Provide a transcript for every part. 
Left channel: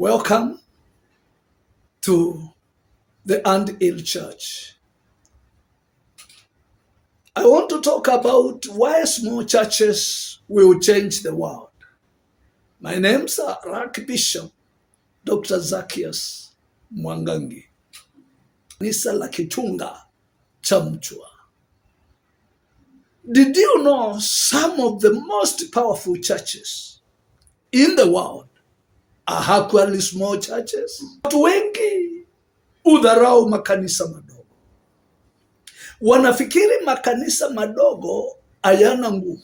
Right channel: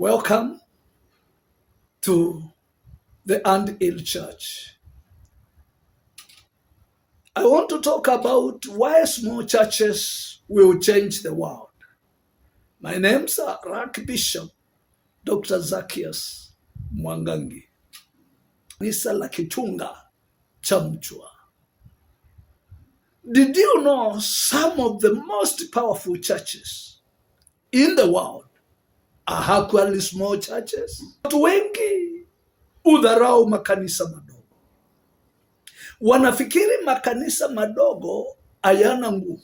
Welcome to the Anthill Church. I want to talk about why small churches will change the world. My name's Archbishop Dr. Zacchaeus Mwangangi. Kanisa la Kichunga cha Mchwa. Did you know some of the most powerful churches in the world are actually small churches? Watu wengi udharau makanisa madogo. Wanafikiri makanisa madogo hayana nguvu.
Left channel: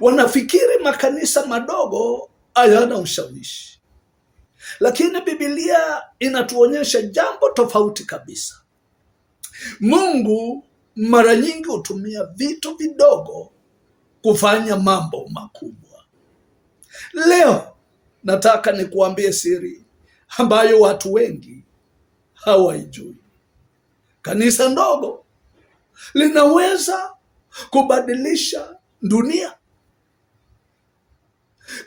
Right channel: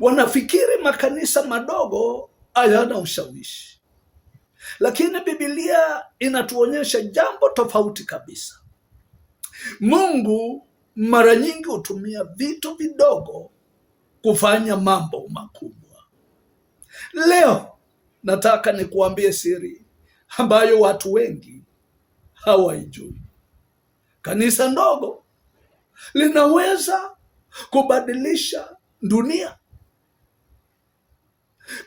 Wanafikiri makanisa madogo hayana ushawishi. Lakini Biblia inatuonyesha jambo tofauti kabisa. Mungu mara nyingi hutumia vitu vidogo kufanya mambo makubwa. Leo nataka nikuambie siri ambayo watu wengi hawaijui. Kanisa ndogo linaweza kubadilisha dunia.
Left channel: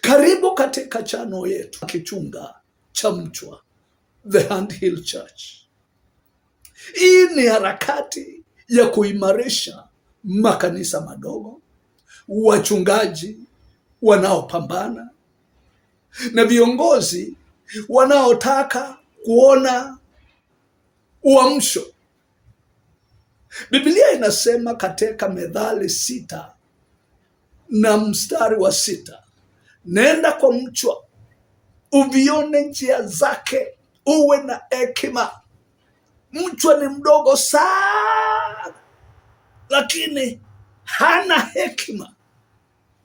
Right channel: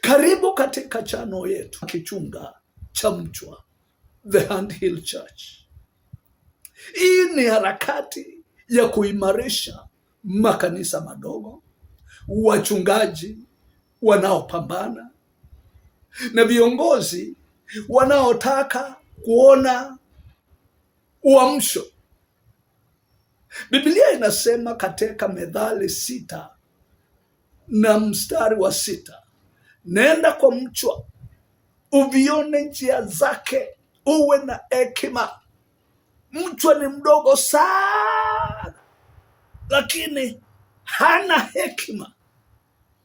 Karibu katika chano yetu Kichunga cha Mchwa, The Anthill Church. Hii ni harakati ya kuimarisha makanisa madogo, wachungaji wanaopambana na viongozi wanaotaka kuona uamsho. Biblia inasema katika Methali 6:6, nenda kwa mchwa uvione njia zake, uwe na hekima. Mchwa ni mdogo sana, lakini hana hekima.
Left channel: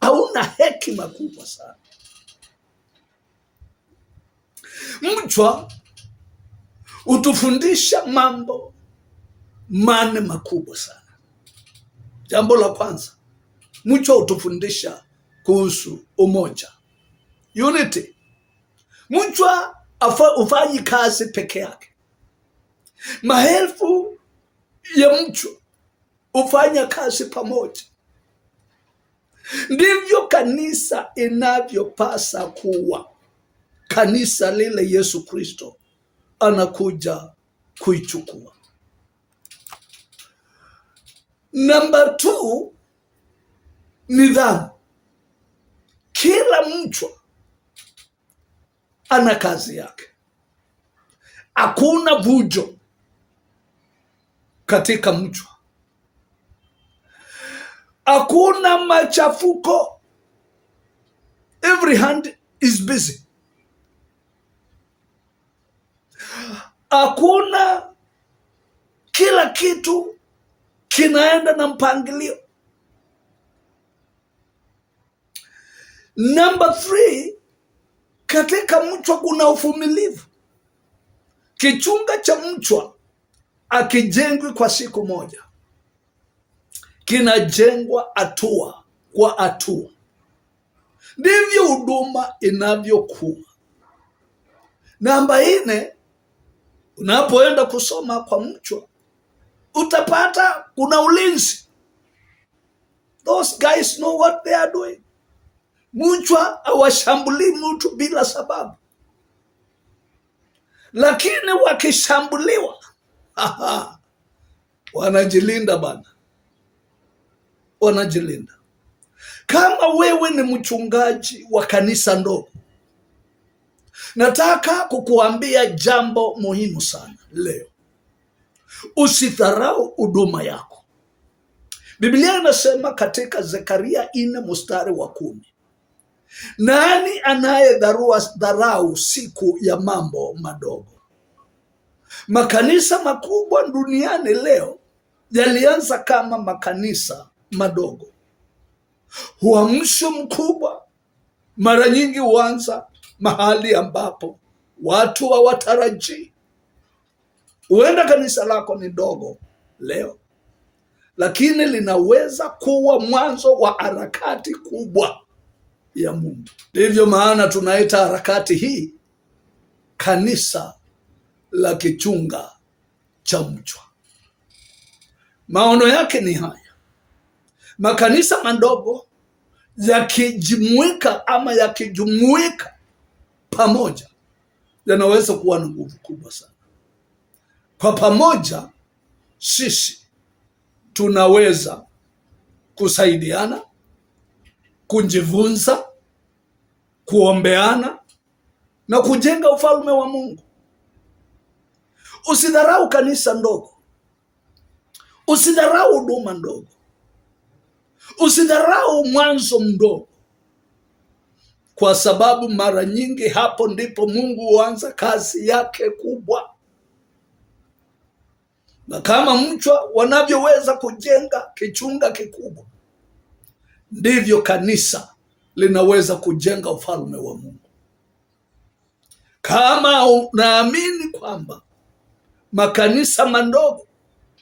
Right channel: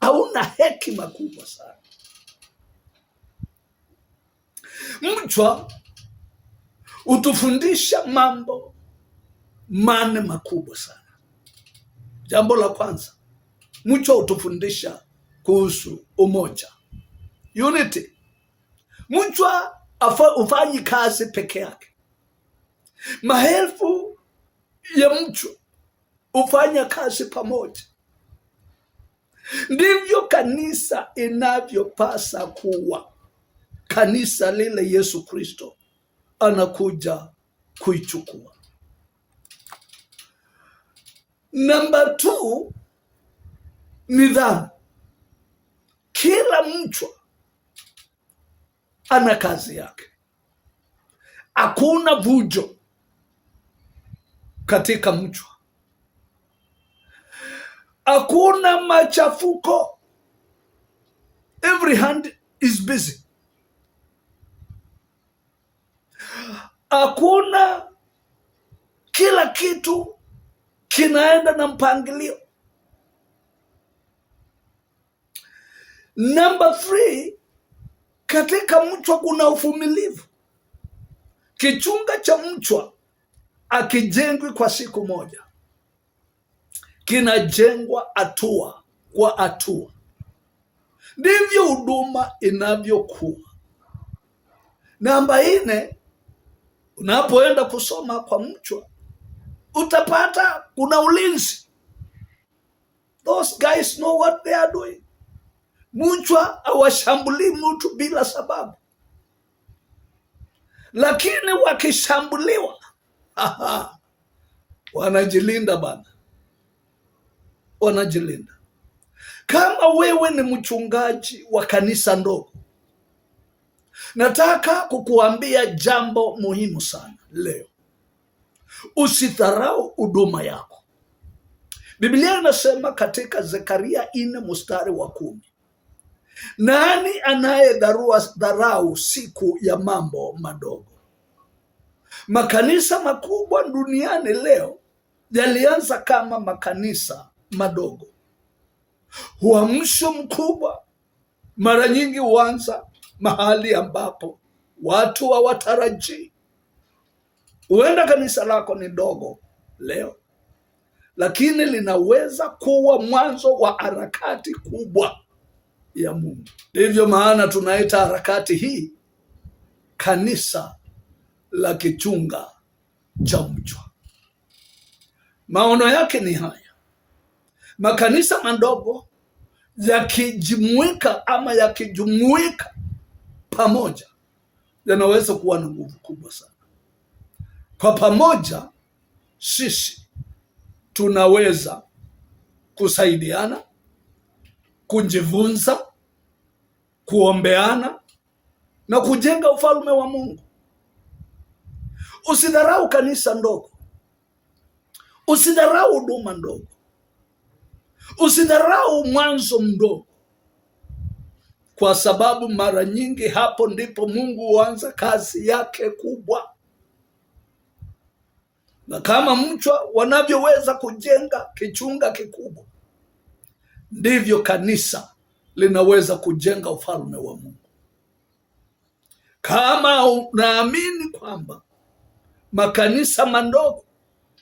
Hauna hekima kubwa sana. Mchwa utufundisha mambo mane makubwa sana. Jambo la kwanza, mchwa utufundisha kuhusu umoja, unity. Mchwa ufanyi kazi peke yake. Maelfu ya mchwa ufanya kazi pamoja. Ndivyo kanisa inavyopasa kuwa. Kanisa lile Yesu Kristo anakuja kuichukua. Number 2, nidhamu. Kila mchwa ana kazi yake. Hakuna vujo katika mchwa. Hakuna machafuko. Every hand is busy. Hakuna, kila kitu kinaenda na mpangilio. Number 3, katika mchwa kuna uvumilivu. Kichunga cha mchwa akijengwi kwa siku moja, kinajengwa hatua kwa hatua. Ndivyo huduma inavyokuwa. Namba 4, unapoenda kusoma kwa mchwa utapata kuna ulinzi. Those guys know what they are doing. Mchwa hawashambulii mtu bila sababu, lakini wakishambuliwa wanajilinda bana, wanajilinda. Kama wewe ni mchungaji wa kanisa ndogo, nataka kukuambia jambo muhimu sana leo. Usidharau huduma yako. Biblia inasema katika Zekaria 4:10, nani anayedharau siku ya mambo madogo? Makanisa makubwa duniani leo yalianza kama makanisa madogo. Uamsho mkubwa mara nyingi huanza mahali ambapo watu hawatarajii. Huenda kanisa lako ni dogo leo, lakini linaweza kuwa mwanzo wa harakati kubwa ya Mungu. Ndivyo maana tunaita harakati hii kanisa la Kichunga cha Mchwa. Maono yake ni haya: makanisa madogo yakijumuika pamoja yanaweza kuwa na nguvu kubwa sana. Kwa pamoja sisi tunaweza kusaidiana, kujifunza, kuombeana na kujenga ufalme wa Mungu. Usidharau kanisa ndogo. Usidharau huduma ndogo. Usidharau mwanzo mdogo, kwa sababu mara nyingi hapo ndipo Mungu huanza kazi yake kubwa. Na kama mchwa wanavyoweza kujenga kichunga kikubwa, ndivyo kanisa linaweza kujenga ufalme wa Mungu. Kama unaamini kwamba makanisa madogo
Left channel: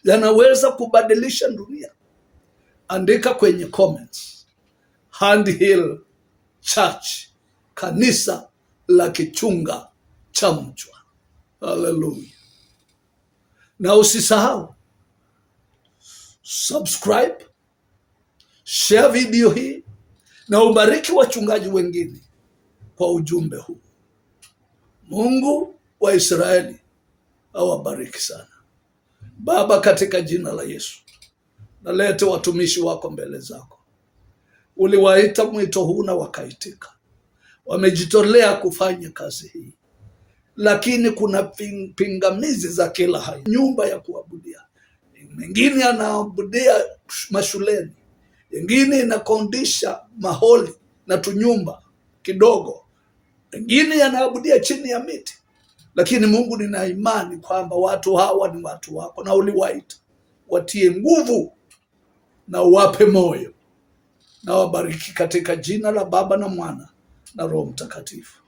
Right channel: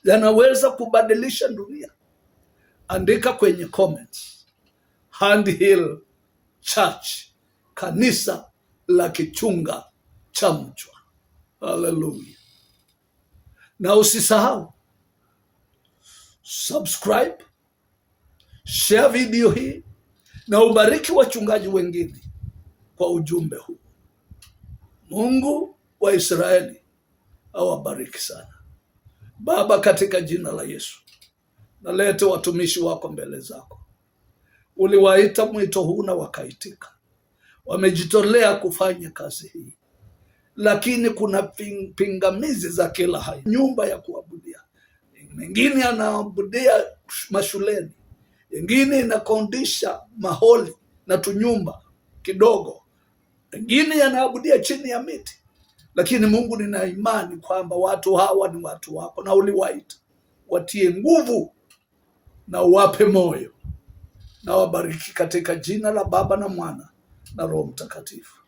yanaweza kubadilisha dunia, andika kwenye comments, Hand Hill Church, kanisa la kichunga cha mchwa. Hallelujah. Na usisahau subscribe, share video hii na ubariki wachungaji wengine kwa ujumbe huu. Mungu wa Israeli awabariki sana. Baba, katika jina la Yesu, nalete watumishi wako mbele zako. Uliwaita mwito huu na wakaitika. Wamejitolea kufanya kazi hii, lakini kuna pingamizi za kila hali. Nyumba ya kuabudia, mengine yanaabudia mashuleni, mengine inakodisha maholi na tunyumba kidogo, mengine yanaabudia chini ya miti. Lakini Mungu, nina imani kwamba watu hawa ni watu wako na uliwaita. Watie nguvu na uwape moyo, na wabariki katika jina la Baba na Mwana na Roho Mtakatifu.